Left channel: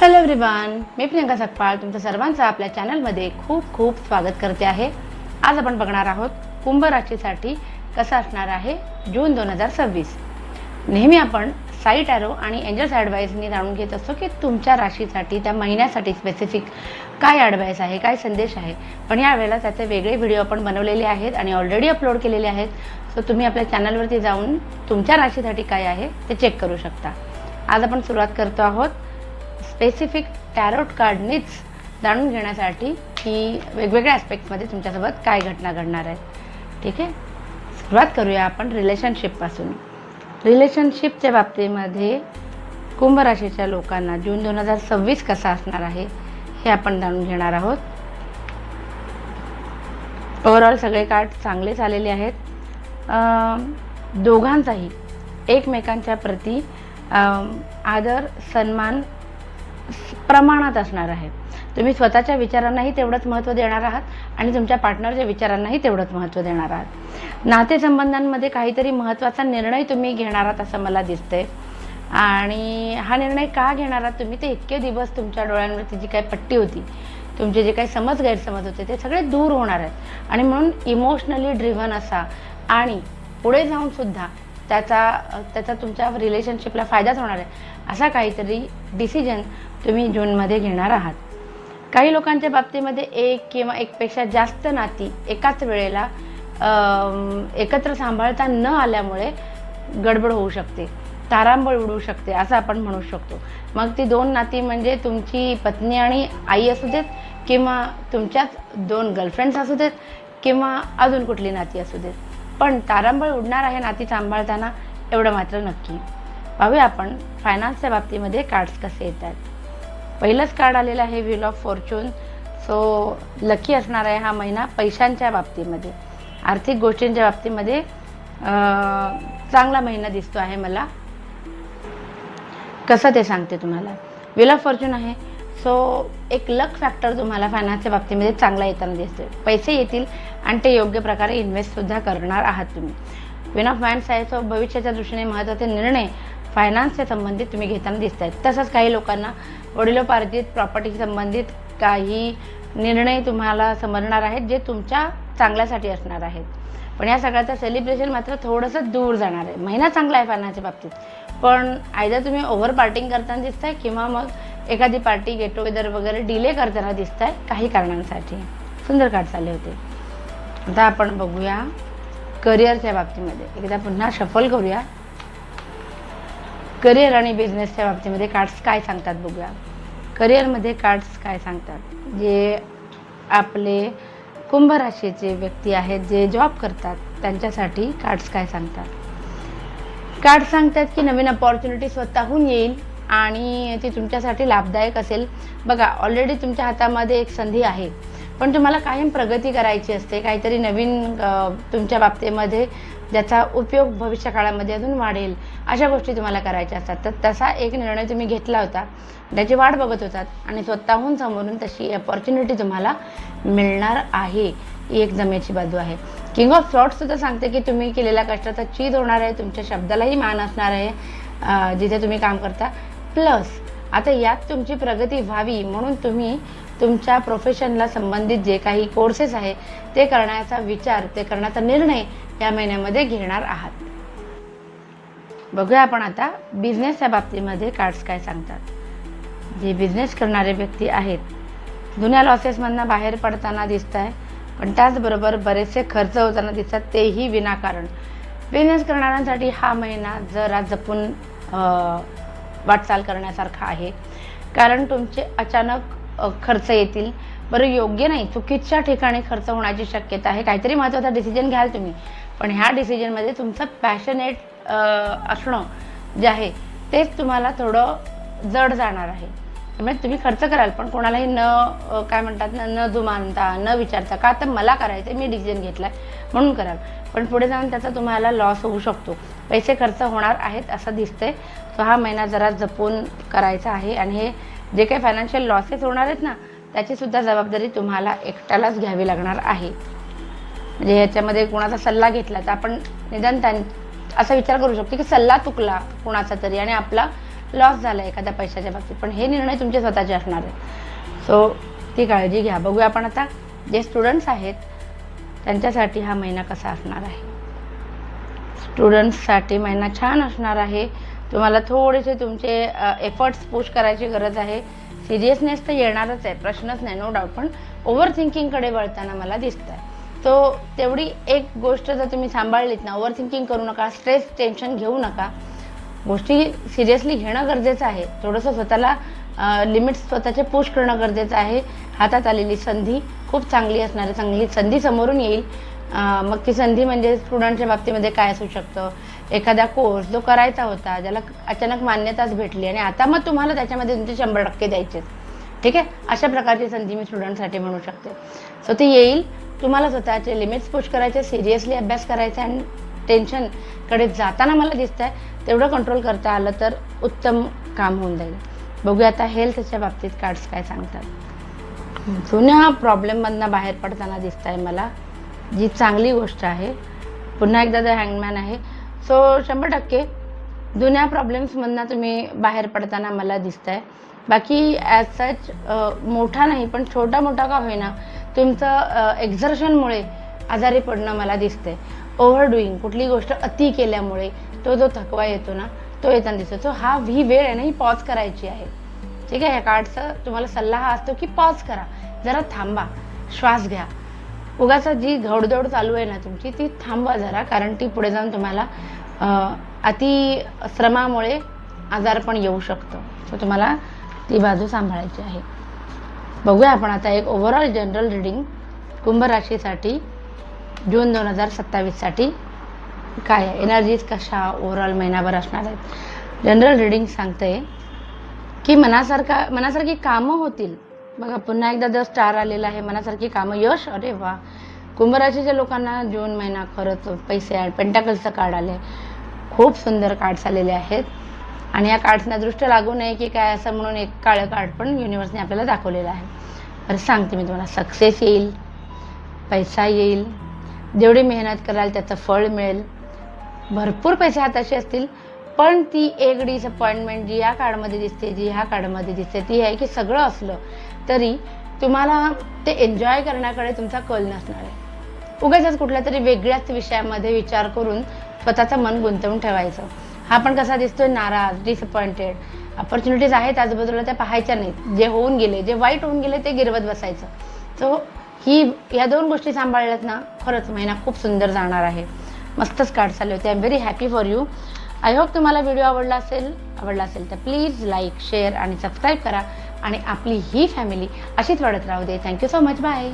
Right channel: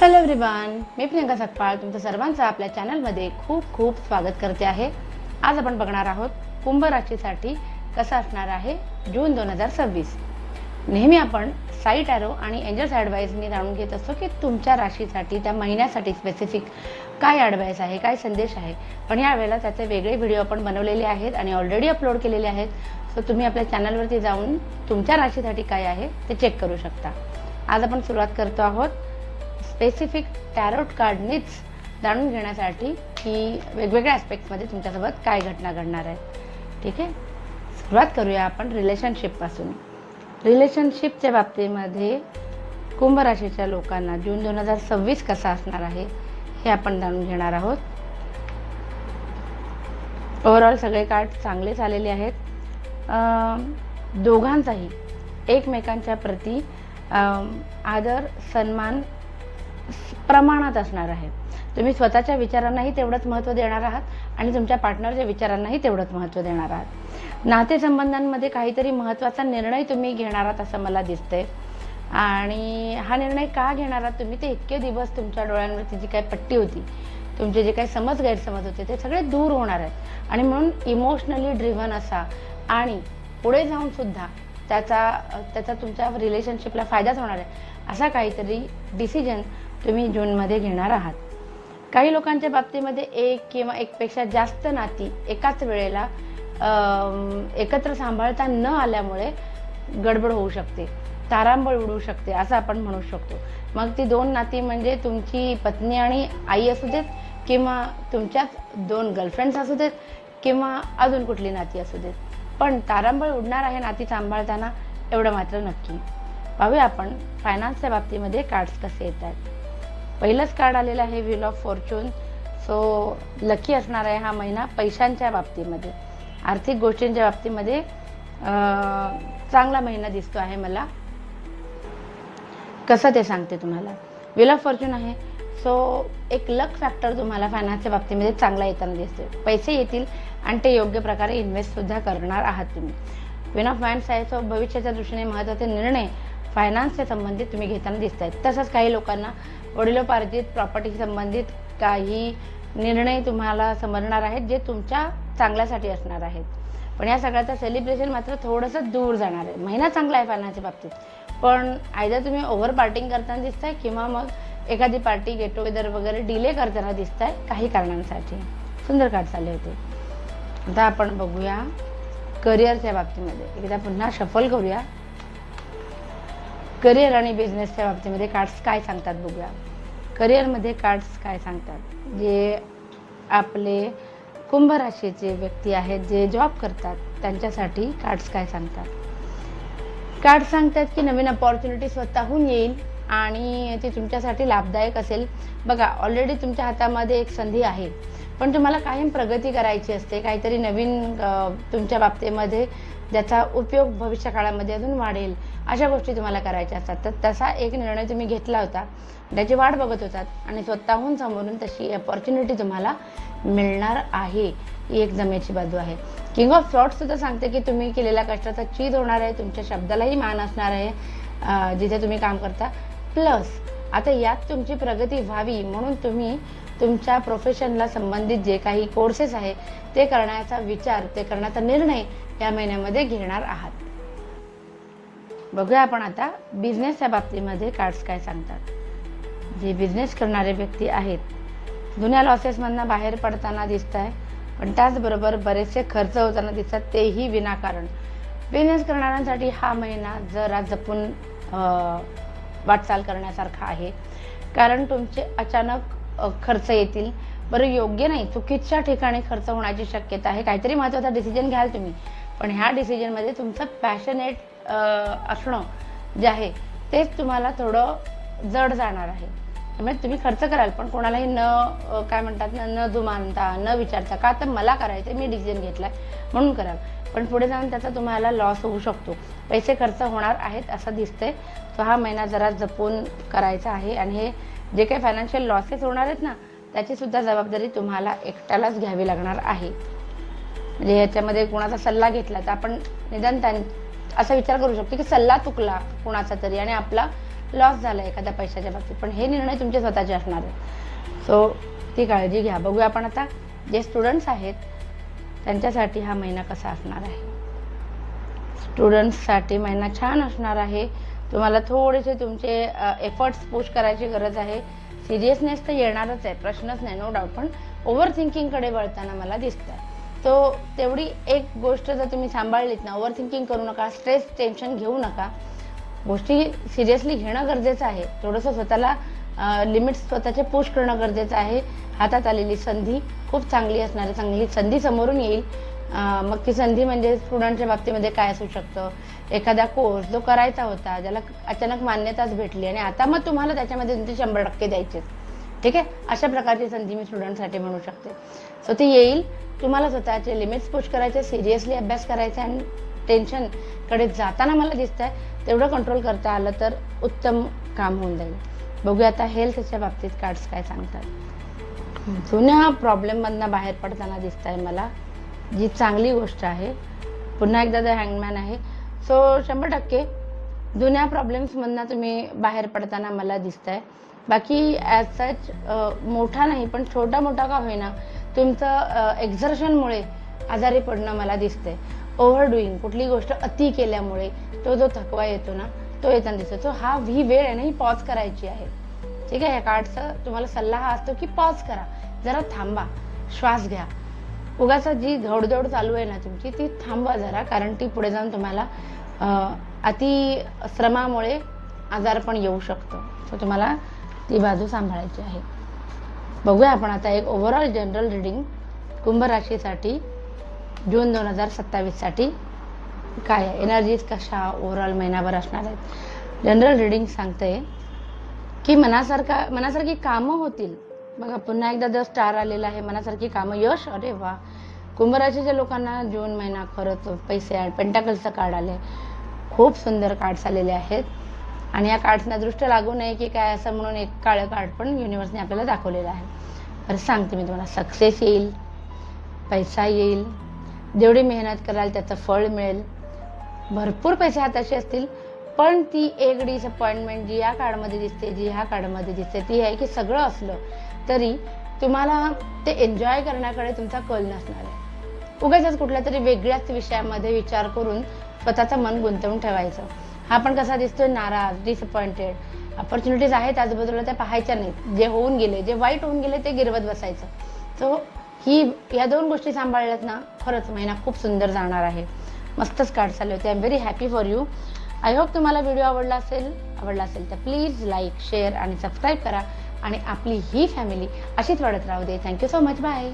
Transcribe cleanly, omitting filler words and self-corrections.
Hello everyone, मी प्रियंका सकपाळ तुमचं सर्वांचं आपल्या चॅनलमध्ये खूप खूप स्वागत करते आहे। आज आपण बघणार आहोत कुंभ राशीसाठी कसं असणार आहे जून 2026। नेहमी आपण साईट ॲरो आणि एंजल्स ॲडवाइसनी जाणून घेत असतो की तुमच्या राशीसाठी त्या महिन्यासाठी स्पेसिफिक काय ॲडवाइस आहे, काय संदेश आहे। पण यावेळेला त्याचे वेगळे व्हिडिओ आपण बनवलेले आहेत आणि ऑलरेडी अपलोड केलेले आहेत। सो तुम्ही आपल्या चॅनलवरती जाऊन तुमच्या राशीसाठी काय आहे ते चेक करू शकता। आज आपण सुरुवात करतो आहोत स्पेसिफिक टॅरोट कार्डनीच जाणून घेण्यासाठी की वेगवेगळ्या ॲस्पेक्ट्समध्ये तुमच्यासोबत काय घटना घडणार आहे। ठीक आहे, सुरुवात करूया आपण रिलेशनशिपपासून। रिलेशनशिपच्या बाबतीमध्ये कुंभ राशीच्या लोकांना जून 2026 कसा असणार आहे हे आपण जाणून घेणार आहोत। ओव्हरऑल सगळे कार्ड चांगलेच आलेले आहेत। दोघांचाही एकमेकांच्या प्रती आदर सन्मान प्रमाणात असणार आहे। तुम्ही स्वतःच्या विचारांनाही तेवढंच महत्त्व देणार आहात आणि तुमच्या पार्टनरच्या विचारांनाही तेवढंच महत्त्व देणार आहात। नातेसंबंधांमध्ये काहीतरी महत्त्वाचा निर्णय तुम्ही घेणार आहात असं मला दिसतंय आणि हा निर्णय का घेणार आहात तुम्ही, ते इतके दिवस तुमच्या डोळ्यांवरती जी काही पट्टी होती, तुमचे जे काही समज गैरसमज होते ते सगळे दूर होणार आहेत आणि म्हणून इमोशनली ड्रिव्हन असा आणि पुढे जाऊन सुद्धा त्याचा तुमच्या रिलेशनशिपला फायदाच होणार आहे असा काहीतरी डिसिजन तुम्ही जूनमध्ये घेणार आहात। काही लोकांच्या बाबतीमध्ये एक किंवा एकपेक्षा जास्त नाती एकाच वेळेला एकत्र सांभाळता न आल्यामुळे गडबड होऊ शकते, तारांबळ उडू शकते असं आपण म्हणू शकतो। मग ती दोन नाती म्हणजे तुमची पत्नी आणि आई असू देत किंवा तुमच्याच दोन गर्लफ्रेंड्स असू देत किंवा अजून कुठली नाती असू देत, पण तारांबळ उडणार आहे नाती सांभाळताना एवढं मात्र नक्की। पाहूया आपण फायनान्सच्या बाबतीमध्ये कार्ड्स कसे येतात। पहिलंच कार्ड आलेलं आहे wheel of Fortune. So lucky असणार आहे हा महिना पैशांच्या बाबतीमध्ये, आर्थिक गोष्टींच्या बाबतीमध्ये चांगला महिना दिसतो आहे मला। कसं ते सांगते तुम्हाला। व्हील ऑफ फॉर्च्यून आहे, सो एक लक फॅक्टर तुम्हाला फायनान्सच्या बाबतीमध्ये चांगला येताना दिसतोय। पैसे येतील आणि ते योग्य प्रकारे इन्व्हेस्टसुद्धा करणार आहात तुम्ही। क्वीन ऑफ वॅन्ड्स आहे, सो भविष्याच्या दृष्टीने महत्त्वाचे निर्णय फायनान्सच्या संबंधित तुम्ही घेताना दिसत आहेत। तसंच काही लोकांना वडिलोपार्जित प्रॉपर्टी संबंधित काही निर्णय तुम्हाला समजणार आहेत जे तुमच्या चांगल्यासाठी असणार आहेत। पण या सगळ्याचं सेलिब्रेशन मात्र थोडंसं दूर जाणार आहे। महिना चांगला आहे फायनान्सच्या बाबतीत, पण आयदर तुम्ही ओव्हर पार्टिंग करताना दिसताय किंवा मग एखादी पार्टी गेट टुगेदर वगैरे डिले करताना दिसताय काही कारणांसाठी। सुंदर कार्ड्स आले होते। आता आपण बघूया करिअरच्या बाबतीमध्ये, एकदा पुन्हा शफल करूया। करिअर आणि बिझनेसच्या बाबतीमध्ये कार्ड्स काय सांगतात बघूया। करिअरमध्ये कार्ड्स काय सांगतात, जे आपले कुंभ राशीचे व्यक्ती आहेत जे जॉब करतात त्यांच्यासाठी कार्ड्स काय सांगतात। कार्ड्स सांगतात की नवीन अपॉर्च्युनिटी स्वतःहून येईल आणि ती तुमच्यासाठी लाभदायक असेल। बघा, ऑलरेडी तुमच्या हातामध्ये एक संधी आहे, पण तुम्हाला कायम प्रगती करायची असते, काहीतरी नवीन तुमच्या बाबतीमध्ये ज्याचा उपयोग भविष्य काळामध्ये अजून वाढेल अशा गोष्टी तुम्हाला करायच्या असतात। तर तसा एक निर्णय तुम्ही घेतला होता, त्याची वाट बघत होतात आणि स्वतःहून समोरून तशी अपॉर्च्युनिटी तुम्हाला मिळणार आहे। ही एक जमेची बाजू आहे। किंग ऑफ सॉर्ड्स सुद्धा सांगते की तुम्ही केलेल्या कष्टाचा चीज होणार आहे, तुमच्या शब्दालाही मान असणार आहे जिथे तुम्ही काम करता। प्लस आता यात तुमची प्रगती व्हावी म्हणून तुम्ही तुमच्या प्रोफेशनला संबंधित जे काही कोर्सेस आहे ते करण्याचा विचार, ते करण्याचा निर्णय या महिन्यामध्ये घेणार आहात। बघूया आपण आता बिझनेसच्या बाबतीमध्ये कार्ड्स काय सांगतात। जे बिझनेस करणारे व्यक्ती आहेत जुन्या लॉसेसमधनं बाहेर पडताना दिसत आहे, पण त्याचबरोबर बरेचसे खर्च होताना दिसतात, तेही विनाकारण। बिझनेस करणाऱ्यांसाठी हा महिना जरा जपून वाटचाल करण्यासारखा आहे, कारण तुमचे अचानक खर्च येतील। बरं, योग्य नाही, चुकीच्या ठिकाणी खर्च होण्याची शक्यता आहे। काहीतरी महत्त्वाचा डिसिजन घ्याल तुम्ही, पण ह्या डिसिजनमध्ये तुमचं पॅशनेट असणं जे आहे तेच तुम्हाला थोडं जड जाणार आहे। त्यामुळे तुम्ही खर्च कराल, पण कोणालाही काय म्हणतात न जुमानता, न विचारता, का तर मला करायचं, मी डिसिजन घेतला म्हणून कराल, पण पुढे जाऊन त्याचा तुम्हाला लॉस होऊ शकतो, पैसे खर्च होणार आहेत असं दिसतंय। सो हा महिना जरा जपून करायचा आहे आणि हे जे काही फायनान्शियल लॉसेस होणार आहेत ना त्याची सुद्धा जबाबदारी तुम्हाला एकट्यालाच घ्यावी लागणार आहे। म्हणजे याच्यामध्ये कोणाचा सल्ला घेतला तर आपण निदान असा विचार करू शकतो की सल्ला चुकला कोणाचा तरी आणि आपला लॉस झाला एखाद्या पैशाच्या बाबतीत, पण हे निर्णय तुमचे स्वतःचे असणार आहेत. सो ती काळजी घ्या. बघूया आपण आता जे स्टुडंट्स आहेत त्यांच्यासाठी हा महिना कसा असणार आहे. स्टुडंट्ससाठी महिना छान असणार आहे. तुम्हाला थोडेसे तुमचे एफर्ट्स पुश करायची गरज आहे. सिरियसनेस तर येणारच आहे, प्रश्नच नाही, नो डाऊट. पण ओव्हर थिंकिंगकडे वळताना मला दिसत आहे. तो तेवढी एक गोष्ट जर तुम्ही सांभाळलीत ना, ओव्हर थिंकिंग करू नका, स्ट्रेस टेन्शन घेऊ नका, गोष्टी सिरियसली घेणं गरजेचं आहे. थोडंसं स्वतःला लिमिट्स स्वतःचे पुश करणं गरजेचं आहे. हातात आलेली संधी खूप चांगली असणार आहे, चांगली संधी समोरून येईल. मग ती संधी म्हणजे स्टुडंटच्या बाबतीमध्ये काय असू शकतं, एखादा कोर्स जो करायचा होता, ज्याला अचानक मान्यताच भेटली आणि आता मग तुम्हाला त्याच्यामध्ये तुमचे 100% द्यायचे, ठीक आहे, अशा प्रकारची संधी मी स्टुडंटसाठी म्हणू शकते. सो ती येईल. तुम्हाला स्वतःचे लिमिट्स पुश करायचे, सिरियसली अभ्यास करायचा आणि टेन्शनकडे जाताना मला दिसत आहे तेवढं कंट्रोल करता आलं तर उत्तम काम होऊन जाईल. बघूया आता हेल्थच्या बाबतीत कार्ड्स काय सांगतात. जुन्या प्रॉब्लेममधनं बाहेर पडताना दिसत आहे मला, जी चांगली गोष्ट आहे. पुन्हा एकदा द हँगमॅन आहे. सो 100% जुन्या प्रॉब्लेम्समधनं तुम्ही बाहेर पडताना मला दिसत आहे. बाकी ॲज सच मोठा नाही, पण छोटा मोठा का होईना तुमचं एक्झर्शनमुळे आजारी पडणं मला दिसते. ओव्हर डुईंग, कुठली गोष्ट अति केल्यामुळे तो जो थकवा येतो ना, तो येताना दिसतो. सो ही वेळ आहे ना, ही पॉज करायची आहे, ठीक आहे. ह्या कार्डचा तुम्हाला सल्ला हा असतो की पॉज करा, जरा थांबा, श्वास घ्या. उगाच जी घोडदौड चालू आहे ना तुमची, ती थांबवा जरा, कारण ती पुढे जाऊन तुम्हाला अति श्रमामुळे आजारपण येऊ शकतं. सो तुम्हाला ती बाजू सांभाळायची आहे. बघूया आपण आता एक ओव्हरऑल जनरल रीडिंग कुंभ राशीसाठी जून 2027साठी काय आहे, एनर्जीज कशा ओव्हरऑल महिनाभर असणार आहेत. जनरल रीडिंग सांगते की मनासारखी कामं होतील. बघा पुन्हा एकदा द स्टार आलेला आहे, मनासारखी कामं, यश. अरे वा, कुंभ राशीच्या लोकांना जून महिना खरंच पैसे आहे. पेंटाकल्सचं कार्ड आले, खूप सुंदर कार्ड्स आलेले आहेत. आणि या कार्ड्सना दृष्ट लागू नये की काय असं म्हणून एक काळं कार्ड पण युनिव्हर्सने आपल्याला दाखवलेलं आहे. तर सांगते मी तुम्हाला, सक्सेस येईल, पैसा येईल, जेवढी मेहनत कराल त्याचं फळ मिळेल, भरपूर पैसे हाताशी असतील. पण ती एक डिसअपॉइंटमेंट जी या कार्डमध्ये दिसते, जी ह्या कार्डमध्ये दिसते, ती आहे की सगळं असलं तरी तुम्हाला ते एन्जॉय करण्याकडे तुमचा कल नसणार आहे. उगाचच कुठल्या तरी वेगळ्याच विषयामध्ये विचार करून स्वतःचं मन गुंतवून ठेवायचं. हा पण कसा दिसतोय, नाराज, डिसअपॉइंटेड. ऑपॉर्च्युनिटीज आहेत आजूबाजूला, त्या पाहायच्या नाहीत. जे होऊन गेले, जे वाईट होऊन गेले ते गिरवत बसायचं. सो या दोन गोष्टी सांभाळल्यात ना, खरंच महिना खूप सुंदर जाणार आहे. मस्तच कार्ड्स आले होते. I am very happy for you. I hope तुम्हाला व्हिडिओ आवडला असेल तर प्लीज लाईक, शेअर आणि सबस्क्राईब करा आणि आपली ही फॅमिली अशीच वाढत राहू दे. Thank you so much. बाय.